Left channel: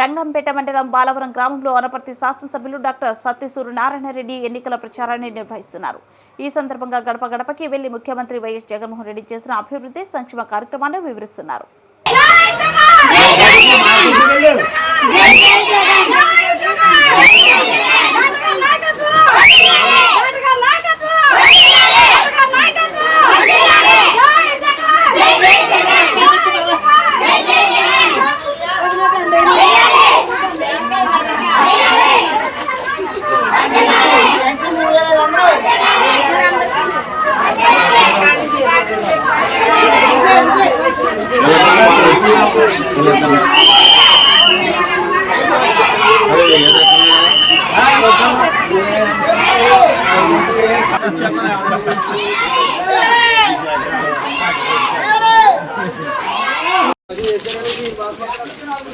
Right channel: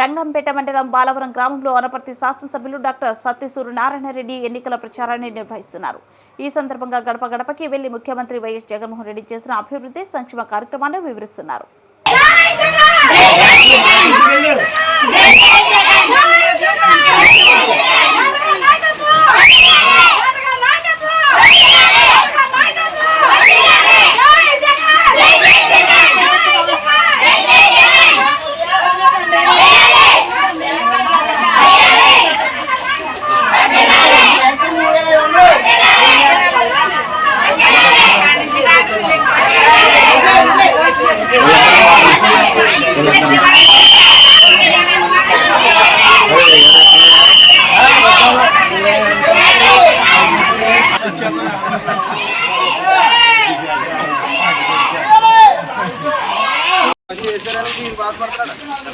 రంగంపేట మండలం బాలవరం గ్రామంలో అనపర్తి శాసనసభ్యులు డాక్టర్ సత్యసూరు నారాయణరెడ్డి ఎన్నికల ప్రచారాన్ని నిర్వహిస్తున్నారు. ఈ సందర్భంగా గడప గడపకి వెళ్ళి ముఖ్యమంత్రి వైఎస్ జగన్మోహన్ రెడ్డి చేసిన అభివృద్ధి సంక్షేమ కార్యక్రమాన్ని వివరిస్తున్నారు.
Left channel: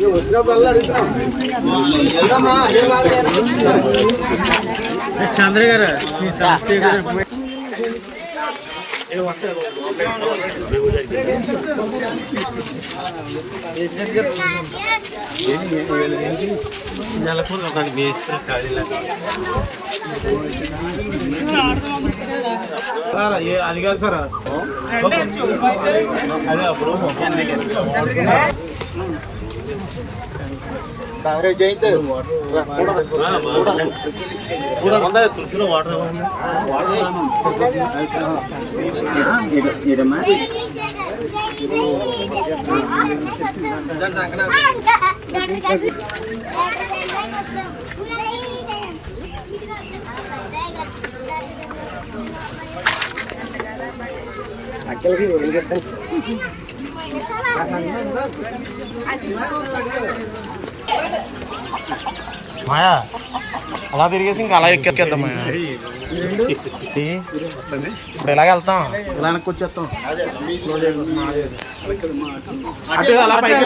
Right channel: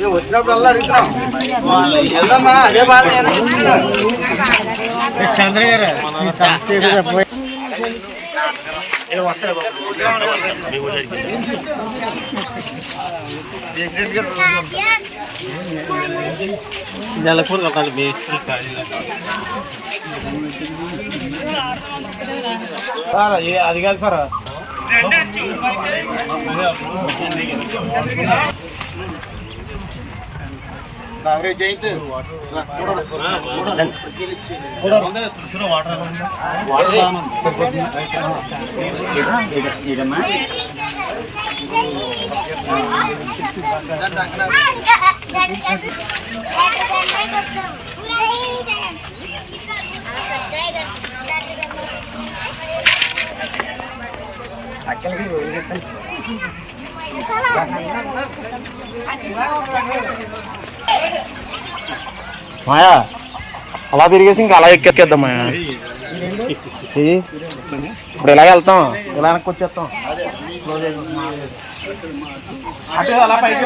వచ్చినప్పుడల్లా అడుగుతున్నాం వెళ్దామా అదే బాధ నేను చెప్తున్నా. చంద్ర గారు మీ సంస్థ నెలకు ఒక మేస్త్రి సార్ అది కాదు సార్. అదే అప్పుడు తులసిలో వాటర్ ఎలా ఉంది మాయా అలా తిరిగేసి ఇంకా అలా ఎక్కేద్దాం మాయా ఇది ఇప్పుడు ఇలాగ వెళ్తాం ఇలా వెనక్కి వచ్చేస్తాం క్లోజ్ అయిపోతుంది మాదేది. అటు అలా పైకి